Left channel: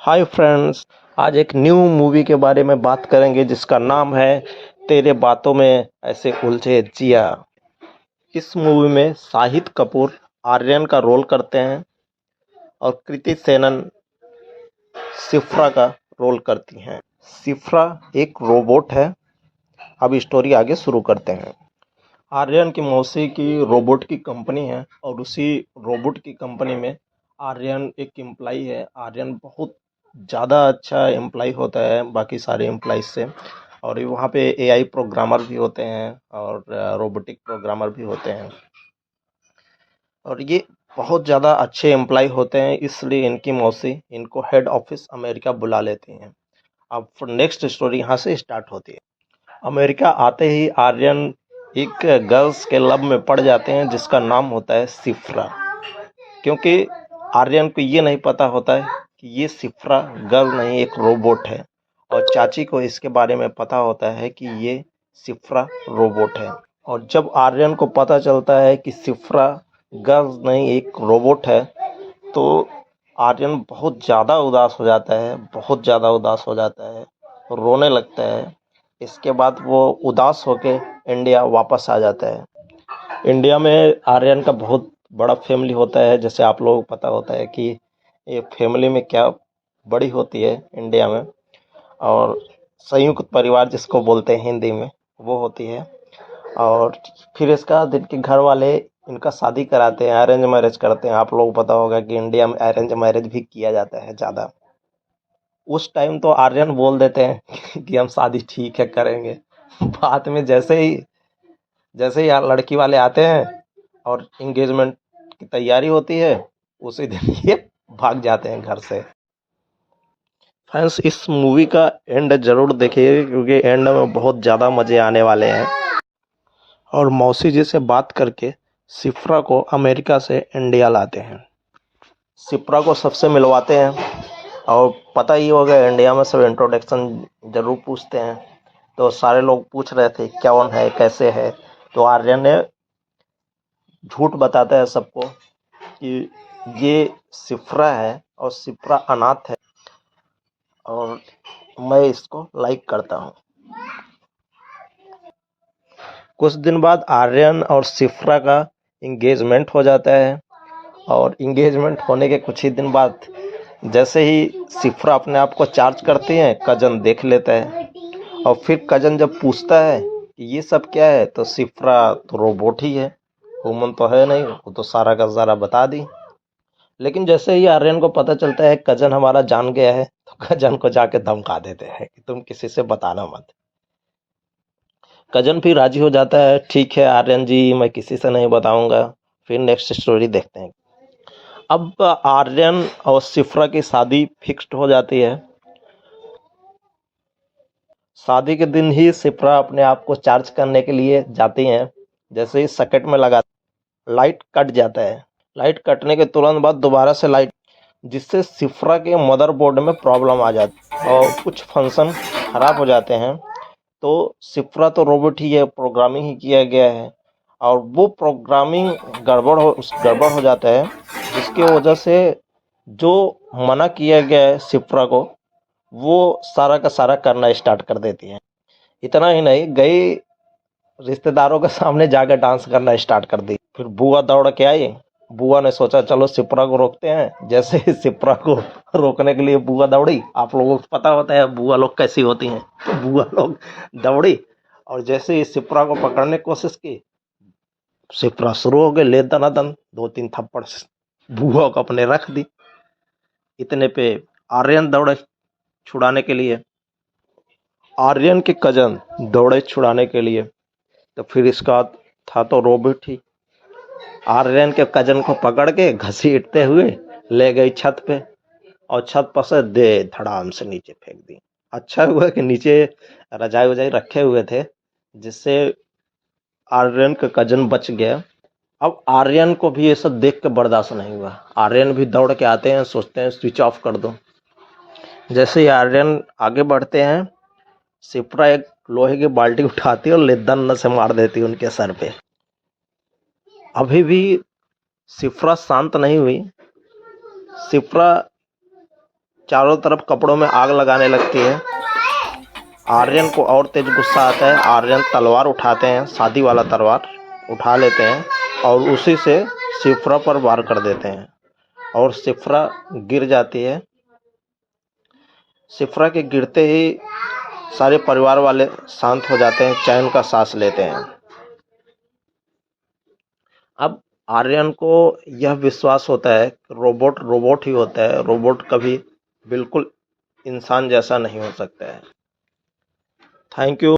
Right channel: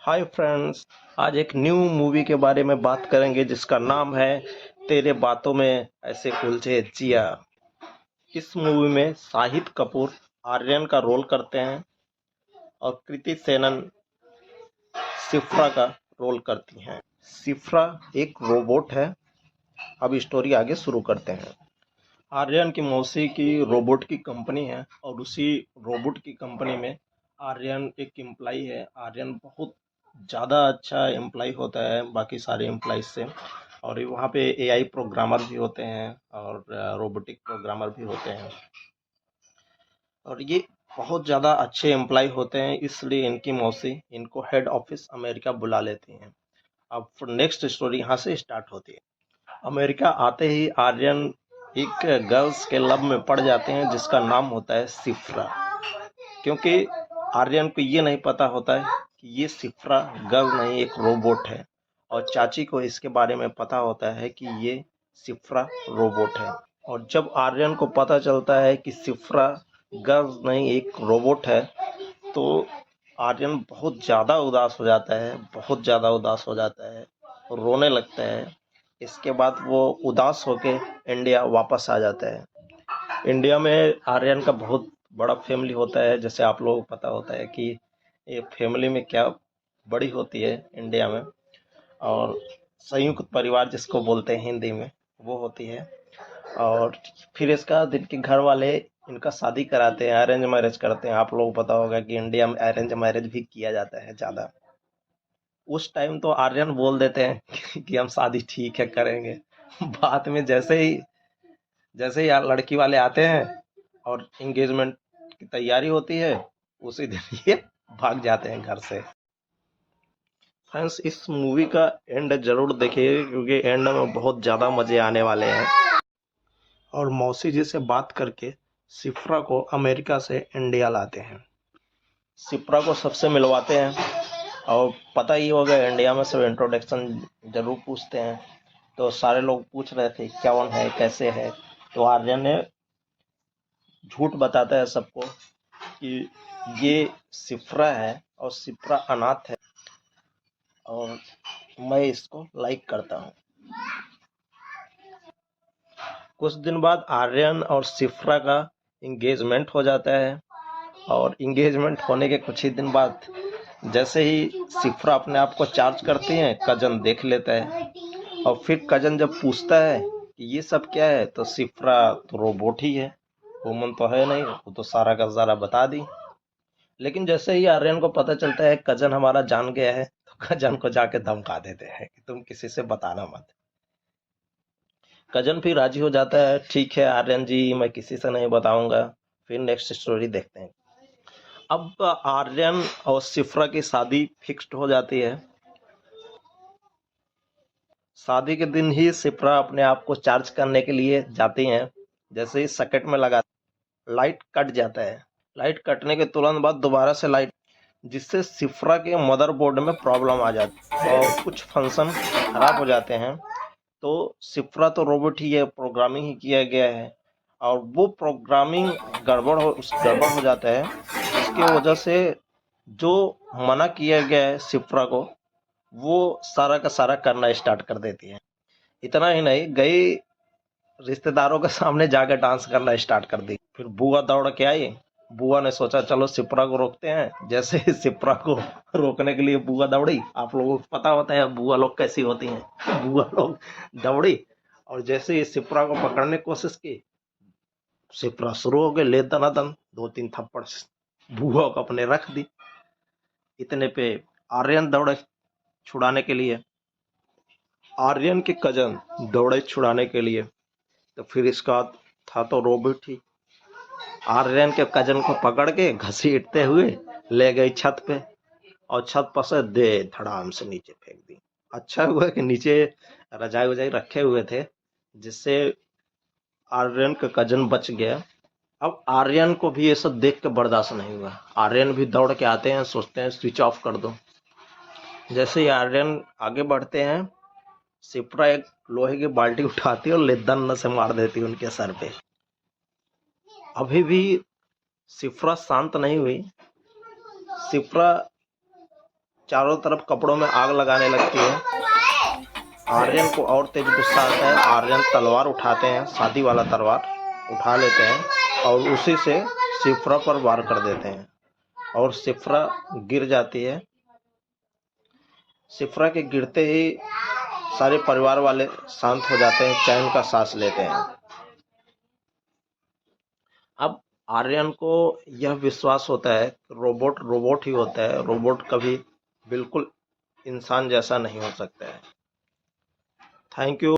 Hi friends. आज एक new movie के बारे में बात करेंगे जिसका नाम है तेरे बातों में ऐसे उलझे जिया। इस मूवी में शाहिद कपूर आर्यन का रोल करते हैं और कृति सेनन सिफ्रा का रोल करती हैं। सिफ्रा एक रोबोट है। अब स्टोरी आगे शुरू करते हैं। आर्यन की मौसी की रोबोट की कंपनी है और उसी रोबोट की कंपनी में आर्यन एक एम्प्लाई है। आर्यन बहुत ज़्यादा अच्छा एम्प्लाई होता है बाकी सारे एम्प्लॉइज से। और वहाँ पे एआई प्रोग्रामर भी होते हैं और रोबोटिक प्रोग्रामर भी होते हैं और ये बहुत ज़्यादा अच्छे एम्प्लॉय होते हैं, इसलिए इनकी मौसी इनको हेड ऑफिस अमेरिका बुला लेती हैं। अब नेक्स्ट स्टोरी यहाँ से स्टार्ट होती है। अमेरिका आते ही आर्यन एक गर्ल्स के लब में पड़ जाते हैं जिसका नाम होता है सिफ्रा। क्योंकि आर्यन को ये नहीं पता होता है कि ये सिफ्रा गर्ल नहीं एक रोबोट है और चाची को इसके बारे में पता होता है कि ये सिफ्रा रोबोट है। और जब आर्यन को पता चलता है कि सिफ्रा गर्ल नहीं एक रोबोट है तो आर्यन बहुत ज़्यादा उदास हो जाता है, बहुत ज़्यादा उदास हो जाता है, रोने लगता है। इसके बाद वो उदास होके इंडिया वापस आ जाता है। इंडिया में आर्यन का बहुत बड़ा फैमिली होता है, जैसे आप लोगों को पता होता है कि ये फैमिली में क्या बड़ी होती है इंडिया में। और संयुक्त परिवार जिसको बोलते हैं हिंदी में, वो होती है। और फिर इसका दिन के घर वाले इनका शादी कराते हैं, अरेंज मैरिज करते हैं। आप लोगों को पता होगा कि इंडिया में अरेंज मैरिज भी किया जाता है ज़्यादा। उस टाइम तो आर्यन बोल देते हैं कि हम शादी ठीक है करेंगे। बाद में जैसे ही यार लड़की वाले आते हैं और इंगेजमेंट की तैयारी होती है, उसी दिन ये भाग जाते हैं घर से। फ्रेंड्स, इस मूवी का एंड जरूर देखिए क्योंकि एंड में बहुत ज़्यादा मज़े आने वाले हैं। और मौसी जी से बात करके सिफ्रा को अमेरिका से इंडिया लाते हैं। सिफ्रा को सबसे मिलवाते हैं और पता ही होगा इंडिया में सब इंट्रोडक्शन जरूर पूछते हैं। तो सारे लोग पूछ रहे थे कौन है कैसे है। तो आर्यन ने झूठ बताता है सबको कि ये सिफ्रा है और सिफ्रा अनाथ है और मैं इसको लाइक करता हूँ। कुछ दिन बाद आर्यन और सिफ्रा का इंगेजमेंट हो जाता है और इंगेजमेंट होने के कुछ ही दिन बाद जैसे ही सिफ्रा अपने आप को चार्ज करती है, कजन देख लेता है। और फिर कजन जब पूछता है कि ये सब क्या है तो सिफ्रा तो रोबोट ही है, ह्यूमन तो है नहीं, वो तो सारा का सारा बता दी। लेकिन जैसे ही आर्यन को पता चलता है कजन हमारा जान गया है तो कजन को जाके धमका देते हैं कि तुम किसी से बताना मत। कजन भी राजी हो जाता है, ठीक है आर्यन जी मैं किसी से नहीं बताऊंगा। फिर नेक्स्ट स्टोरी देखते हैं। अब आर्यन और सिफ्रा की शादी फिक्स्ड हो जाती है। शादी के दिन ही सिफ्रा अपने आप को चार्ज करने के लिए जाती हैं। जैसे ही सॉकेट में लगा लाइट कट जाता है। लाइट कटने के तुरंत बाद दोबारा से लाइट, जिससे सिफ्रा के मदरबोर्ड में प्रॉब्लम आ जाती है और कुछ फंक्शन खराब हो जाते हैं। तो सिफ्रा तो रोबोट ही है, प्रोग्रामिंग ही किया गया है और वो प्रोग्रामिंग गड़बड़ हो जाता है जिसकी वजह से जो मना किया गया है सिफ्रा को वो सारा का सारा करना स्टार्ट कर देती है। इतना ही नहीं, गई रिश्तेदारों के सामने जाकर डांस करना स्टार्ट कर दी। फिर बुआ दौड़ के आई। बुआ ने सोचा चलो सिप्रा को रोकते हैं। जैसे ही सिप्रा को रोकने के लिए बुआ दौड़ी, आप लोगों को पता होता है बुआ लोग कैसी होती हैं। बुआ लोग दौड़ी और जैसे ही सिप्रा को पकड़ने की कोशिश की, सिप्रा शुरू हो गए ले दनादन, 2-3 थप्पड़ बुआ को अपने रख दी। इतने पे आर्यन दौड़े छुड़ाने के लिए। आर्यन के कजन दौड़े छुड़ाने के लिए। तो फिर इसका था तो रोबोट ही। आर्यन के कजन को पकड़ के घसीटते हुए ले गई छत पे और छत पर से दे धड़ाम से नीचे फेंक दी। अच्छा हुआ कि नीचे रजाई वजाई रखे हुए थे जिससे आर्यन का कजन बच गया। अब आर्यन को भी ये सब देख के बर्दाश्त नहीं हुआ। आर्यन भी दौड़ के आते हैं, सोचते हैं स्विच ऑफ कर दो। जैसे ही आर्यन आगे बढ़ते हैं, सिप्रा एक लोहे की बाल्टी उठाती है और लेदन से मार देती है उनके सर पे। अभी भी सिफ्रा शांत नहीं हुई। सिफ्रा चारों तरफ कपड़ों में आग लगाने लगती है। आर्यन को और तेज गुस्सा आता है। आर्यन तलवार उठाते हैं, शादी वाला तलवार उठा लेते हैं और उसी से शिफ्रा पर वार कर देते हैं और शिफ्रा गिर जाती है। शिफ्रा के गिरते ही सारे परिवार वाले शांत हो जाते हैं, चैन का सांस लेते हैं। अब आर्यन को यह विश्वास होता है कि रोबोट रोबोट ही होता है, रोबोट कभी बिल्कुल इंसान जैसा नहीं हो सकता है। Thank you.